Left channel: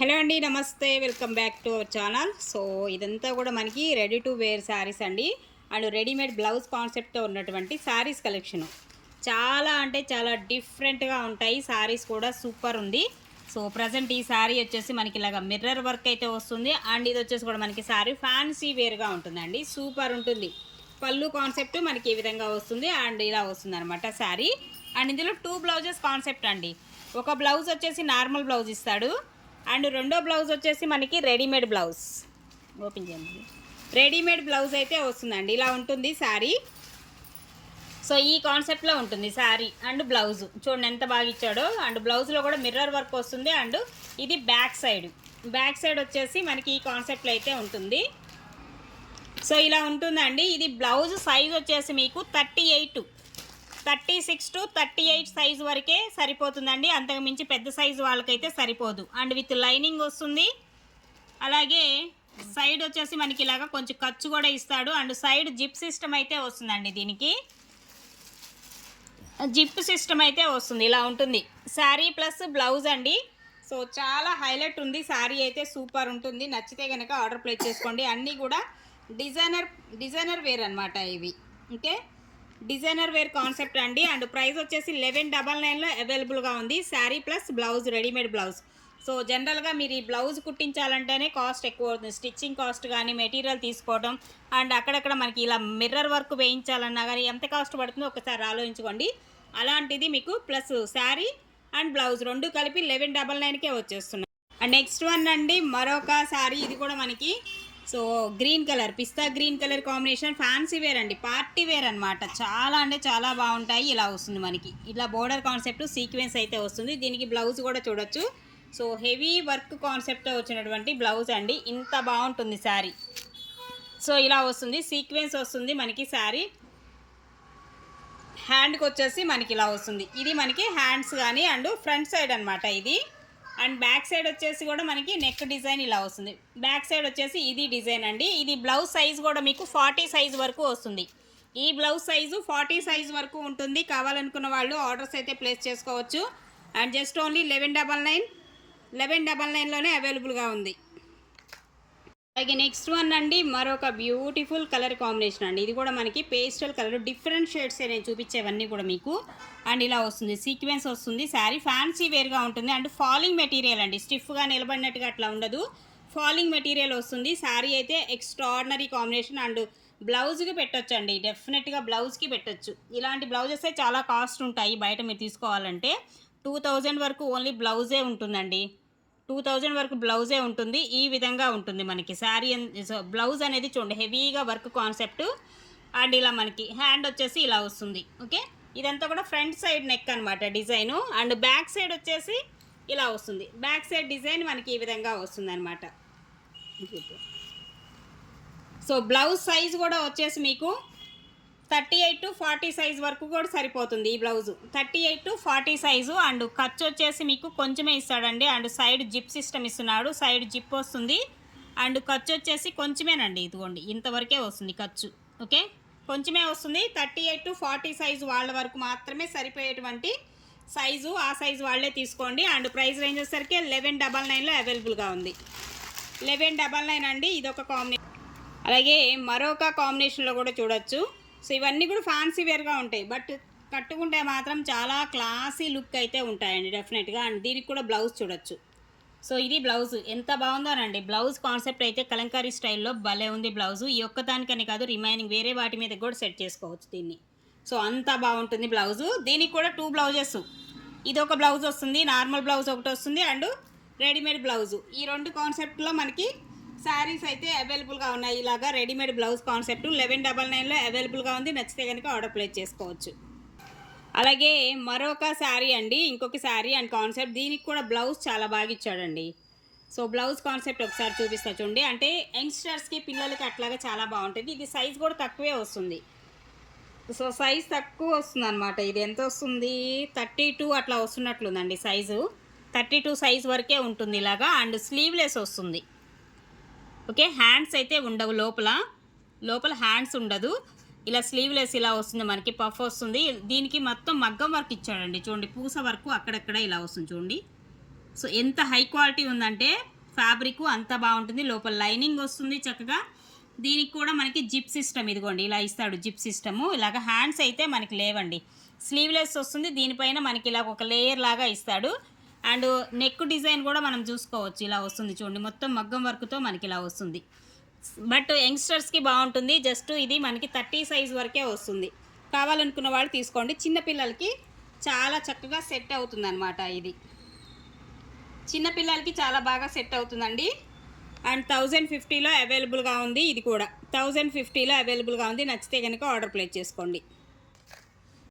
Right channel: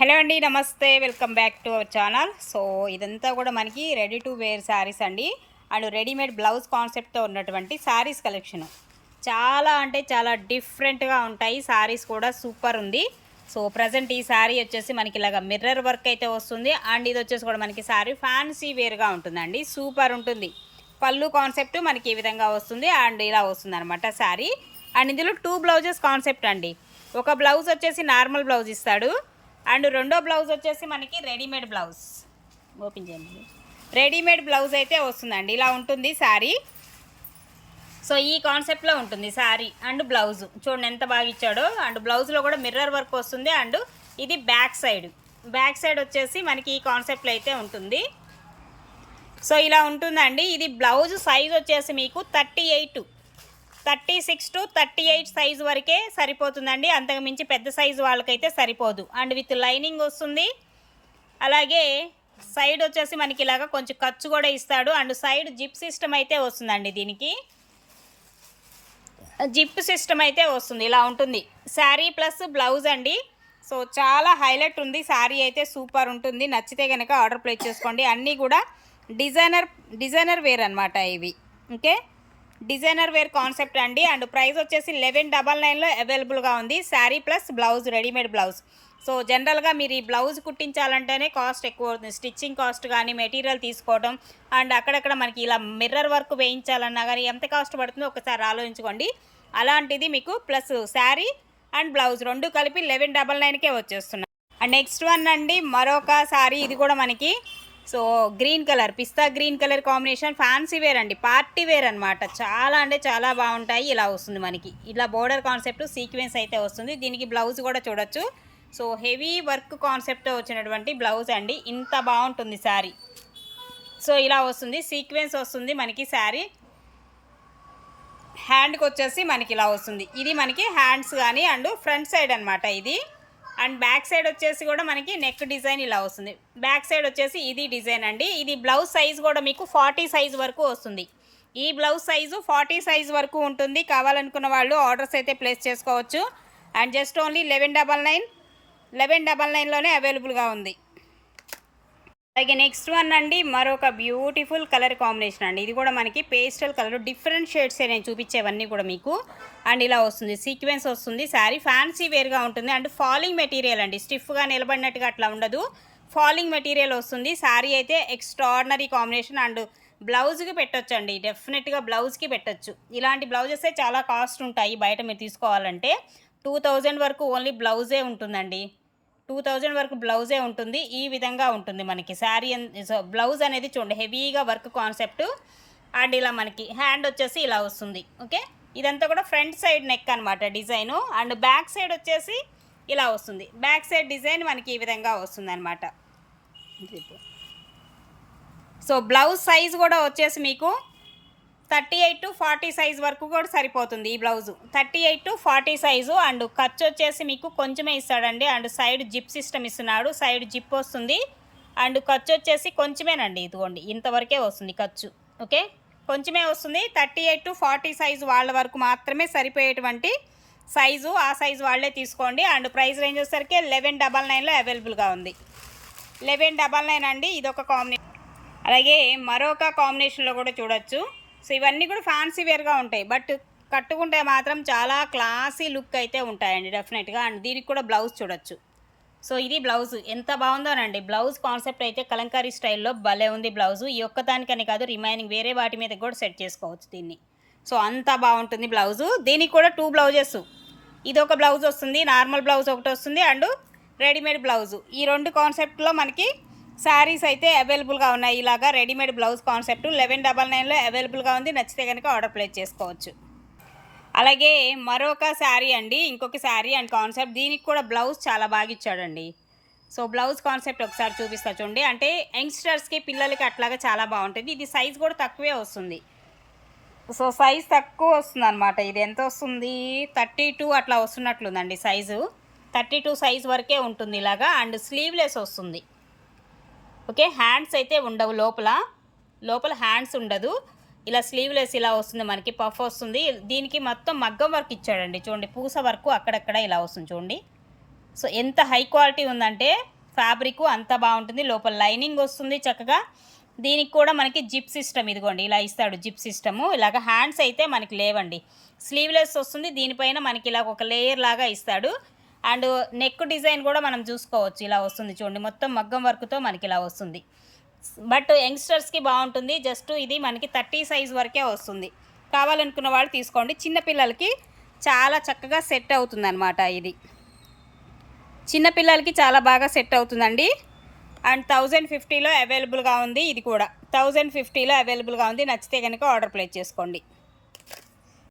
Hello అండి, నమస్తే. Welcome back to our channel. So ఇదంతా కూడా మనకి రెడీ టు వేర్ శారీస్ అండి. అండ్ రెడీమేడ్ బ్లౌజ్ కాన్సెప్ట్తో ఉన్నటువంటి శారీస్ కలెక్షను చాలా అంటే చాలా డిఫరెంట్గా ఉంటాయి. శారీస్ కూడా సూపర్ ఉంది. సో ప్రజెంట్ ఈ శారీ వచ్చేసి మనకి ఇలాగ మిర్రర్ వర్క్ అయితే వస్తుంది. అండ్ ఇది వచ్చేసి కూడా మనకి శారీ ఫ్యాన్సీ వేర్గా ఉంటుందండి. సూపర్ ఉంటుంది. పళ్ళు కాన్సెప్ట్ మనకి ఈ విధంగా వస్తుంది అండ్ ఇలా వస్తుంది అనమాట శారీ. అండ్ ఇందులో 2 బ్లౌజెస్ కాన్సెప్ట్ అండి. ఒక బ్లౌజ్ వచ్చేసి నార్మల్ బ్లౌజ్ ఇస్తాడు అండ్ రెండో బ్లౌజ్ వచ్చేసి మనకి రెడీమేడ్ బ్లౌజ్. ఓపెన్ చేయండి. రెడీమేడ్ బ్లౌజ్ అయితే వస్తుందండి. ఇలా ఉంటుంది శారీ. సో ఈ కాన్సెప్ట్లో ఉంటుంది శారీ అండ్ బ్లౌజ్. చూడండి ఎంత బాగా ఇచ్చాడో. అండ్ బ్లౌజ్లో కూడా మిర్రర్ వర్క్ వస్తుంది. అండ్ ఇది బ్యాక్ సైడ్ వచ్చేసి మనకి ఈ కాన్సెప్ట్లో అయితే ఉంటుంది. సో ఇలా ఉంటుందండి. ఇది బ్లౌజ్ సైజ్ వచ్చేసి మీకు 36 to 38 సైజు వరకే సరిపోతుందండి. అంతకు మించి పెద్ద సైజు వాళ్ళకైతే సరిపోదు. అండ్ విత్ లైనింగ్ వస్తుంది. అలాగే సైడ్ వచ్చేసి మనకి ఇలాగా కొంచెం ఖర్చు కూడా ఇస్తాడు. అండ్ సైడ్ జిప్ సిస్టమ్ అయితే వస్తుందండి. దీనికి జిప్ సిస్టమ్ అయితే వస్తుంది. ఇలా ఉంటుంది శారీ ప్లస్ బ్లౌజ్ అండి. సో చాలా హైలైట్ ఉంది. శారీ అయితే సూపర్ ఉంటుంది. నచ్చితే కనుక ఆర్డర్ ప్లేస్ చేసుకోండి. అన్నీ కూడా డిజైనర్ వేర్ అనమాట ఇవి. ఓకే, డిజైనర్ వేర్ కాన్సెప్ట్ అండి. అండ్ ప్రైస్ వచ్చేసి 1199లో అవైలబుల్గా ఉంది. Sari plus blouse, readymade blouse. So జనరల్గా మీరు ఈ బ్లౌజ్ కుట్టించాలంటేనే కాస్ట్ ఎక్కువ అవుతుంది. స్టిచ్చింగ్ కాస్ట్ కానీ, మెటీరియల్ తీసుకోవడం అండ్ అక్కడక్కడ మనకి ఇలా మిర్రర్ వర్క్ వేయించాలన్నా కానీ ఎంత కాస్ట్ పడుతుందో ఒకసారి ఆలోచించుకోండి. అలాంటిది మీకు ప్లస్ శారీ అండ్ బ్లౌజ్ రెండు కలిపి 1199కే వచ్చేస్తున్నాయి. అండ్ నెక్స్ట్ వన్ అండి, మరొక శారీ. ఇది కూడా మనకి so green colour, pista green colour combination, fancy wear అండి, పార్టీ వేర్ అనమాట. చాలా అంటే చాలా బాగుంటాయి. ఇలా వస్తుంది మనకి. ఇలా బోర్డర్ కాన్సెప్ట్ సీక్వెన్స్ అయితే వస్తుంది. దీనికి బ్లౌజ్ కూడా చూడొచ్చు. సో హెవీ వర్క్ కాన్సెప్ట్ వచ్చినటువంటి బ్లౌజ్ అండి. ఇంత బాగుంటుంది శారీ. సో ఇలా వస్తుంది, సీక్వెన్స్ వస్తుంది మనకి శారీ. హ్యాండ్కి వచ్చేసి మనకి ఇలా వస్తుంది. ఇది మనకి హ్యాండ్స్ కానీ అండ్ ఫ్రంట్ సైడ్ అనమాట ఇది. అండ్ బ్యాక్ సైడ్ వచ్చేసి కూడా మనకి నెక్ డిజైన్ ఇలా వస్తుంది. బ్యాక్ సైడ్ వచ్చేసి ఇది డిజైన్ అండి. ఇది బ్లౌజ్ సైజ్ కూడా మీకు 40 సైజ్ వరకు వస్తుంది. ఈ బ్లౌజ్ సైజు 40 సైజ్ వరకు ఉంటుంది. కావాలనుకున్న వాళ్ళు ఆర్డర్స్ అయితే ప్లేస్ చేసుకోవచ్చు. అండ్ జస్ట్ ఓన్లీ 1199లోనే అవైలబుల్గా ఉంది. అలాగే నెక్స్ట్ వన్ అండి, మరొక బ్యూటిఫుల్ కలర్ కాంబినేషన్ అండి. ఇది కూడా మనకి పేస్టల్ కలర్, డిఫరెంట్ షేడ్స్ నేను చూపించేవన్నీ కూడా మీకు. అండ్ ఇలా వస్తుంది, సీక్వెన్స్ వస్తుంది. శారీ ఫ్యాన్సీ వేర్గా ఉంటుంది. అండ్ ఫాలింగ్ మెటీరియల్ అండి, స్టిఫ్గా నిలబడినట్టుగా అట్లా ఉండదు. ఫాలింగ్ మెటీరియల్ వస్తుంది. శారీ అయితే ఎక్స్ట్రాడినరీ కాంబినేషన్. అండ్ బ్లౌజ్కి పెట్టొచ్చు అండి, డెఫినెట్గా బ్లౌజ్కి పెట్టొచ్చు. ఇలాంటి బ్లౌజెస్ చాలా కాస్ట్ ఉంటాయి బయట మీరు తీసుకోవాలంటే. 2000 వరకు ఓన్లీ బ్లౌజే ఉంటుందండి. 2000 వరకు బ్లౌజే ఉంటుంది. ఈ విధంగా ఉంటుంది మనకి శారీ. బ్లౌజ్ అనేది చూడండి, హెవీగా వర్క్ కాన్సెప్ట్. అండ్ ఇలా మనకి హ్యాండ్ వచ్చేసి ఇలా వస్తుంది. ఓకే, ఇదంతా కూడా ఫ్రంట్ సైడ్ నెక్ అనమాట డిజైను. అండ్ బ్యాక్ సైడ్ వచ్చేసి ఇలా వస్తుంది. బ్యాక్ సైడ్ డిజైన్ మనకి ఈ విధంగా వస్తుంది అనమాట. సో బ్లౌజ్ సైజ్ కూడా వచ్చేసి మీకు 38 to 40 సైజ్ వరకు కూడా సరిపోతుంది. ఈ బ్లౌజు 38 to 40 సైజు. అండ్ ఖర్చు వచ్చేసి మీకు కొంచెమే ఇస్తాడండి. అండ్ సైడ్ జిప్ సిస్టమ్ ఇస్తున్నాడు. సైడ్ జిప్ వస్తుంది. అండ్ ఖర్చు వచ్చేసి కొంచెమేనండి. ఇదిగోండి ఇంతవరకే వస్తుంది ఖర్చు. ఓకే, కొంచెమే వస్తుంది. 38 to 40 సైజు వాళ్ళ వరకు మాత్రమే సరిపోయేటువంటి సైజు. ఆ సైజు వాళ్ళే తీసుకోండి. అండ్ ప్రైస్ రేంజ్ వచ్చేసరికి 1199లో అవైలబుల్గా ఉంది. 1199 అండి. ఇదొక కాంబినేషన్. అలాగే మరొక కాంబినేషన్లో కూడా చూడొచ్చు. సో ఇవన్నీ కూడా ఫ్యాన్సీ వేర్గా ఉంటాయి. బట్ కట్టుకుంటే మాత్రం చాలా క్లాసీ లుక్ అయితే ఉంటాయండి డెఫినెట్గా. అండ్ దీనికి కూడా బ్లౌజ్ చూడొచ్చు. సో ఇది బ్లౌజ్ ఎంత బాగుందోనండి. బ్లౌజ్ కాన్సెప్ట్ అయితే కలంకారీ స్టైల్లో భలే ఉంది బ్లౌజు. ఈ ఒక్కదానికని కాదు, రిమైనింగ్ వేరే వాటి మీద కూడా సెట్ చేసుకోవచ్చు దీన్ని. సో అంత బాగుంటుంది బ్లౌజు. దీనికి కూడా 2 బ్లౌజెస్. ఇది ఒక బ్లౌజ్ వస్తుంది, నార్మల్ బ్లౌజ్ ఒకటి వస్తుంది అండ్ రెడీమేడ్ బ్లౌజు. ఈ 2 కాన్సెప్ట్లో మనకి శారీస్ అయితే అవైలబుల్గా ఉన్నాయి. ఇలాగా రెడీమేడ్ బ్లౌజ్ కాన్సెప్ట్ 1199లో అవైలబుల్గా ఉంది. నచ్చితే కనుక ఆర్డర్ ప్లేస్ చేసుకోవచ్చు. అలాగే మరొక శారీ అండి, ఇంకొక శారీ అండ్ కాన్సెప్ట్. దీనికి కూడా బ్లౌజ్ చాలా బాగా ఇచ్చాడండి. సో బ్లౌజ్ కాన్సెప్ట్ ఒకసారి చూపిస్తా చూడండి. అంటే యంగ్స్టర్స్కి, పిల్లలకి అట్లాగా చాలా బాగుంటుంది. ఇది సైజ్ కూడా తక్కువే వస్తుంది. సో సైజ్ తక్కువ వస్తుంది అనమాట. ఇది ఎంత వస్తుంది, 32 అట్లా వస్తున్నట్లుందండి సైజు. 32 సైజ్ వరకే ఉంటుంది ఇలాగా. అండ్ స్లీవ్లెస్ వస్తుంది. ఓకే, హ్యాండ్స్ అయితే ఉండవు. లోపల హ్యాండ్స్ ఉండదు. ఇలా స్లీవ్లెస్ ఇలా వస్తుంది మనకి. పఫ్ వస్తుంది. దీనికి మొత్తం మగ్గం వర్క్ ఇచ్చాడండి. చూడండి పూస వర్క్ అక్కడక్కడ ఇలా వస్తుంది చూడండి. సో ఎంత హై క్వాలిటీ ఉందంటే ఫ్యాబ్రిక్ అంత బాగుంటుంది, లోపల లైనింగ్ వస్తుంది చక్కగా. దీనికి కూడా మనకి జిప్ సిస్టమ్, ఇదిగోండి ఇలా ఇస్తాడు జిప్ సిస్టము. ఇలాగ హ్యాండ్స్ అయితే మనకి లేవండి, స్లీవ్లెస్ వస్తుంది. దీనిపైన మనకి ఇలా ఒక లేయర్ లాగా ఇస్తాడు. అండ్ నెక్ డిజైన్ కూడా మనం చూసుకోవచ్చు, ఇలా వస్తుంది చూడండి, మొత్తం మగ్గం వర్క్తో మనకి ఇలా వస్తుంది. బట్ యంగ్స్టర్స్కి బాగుంటుంది. జస్ట్ ఇది మనకి 30 సైజ్ వరకే వస్తుంది. కావాలనుకున్న వాళ్ళు తీసుకోండి. చిన్నపిల్లలకి చాలా చక్కగా సెట్ అవుతుంది అనమాట. ఇది చిన్నపిల్లలకి చాలా బాగా సెట్ అవుతుందండి. అండ్ 1050లో అవైలబుల్గా ఉంది. ఇది కూడా 1050లో అవైలబుల్గా ఉంది. నచ్చితే కనుక ఆర్డర్ ప్లేస్ చేసుకోండి.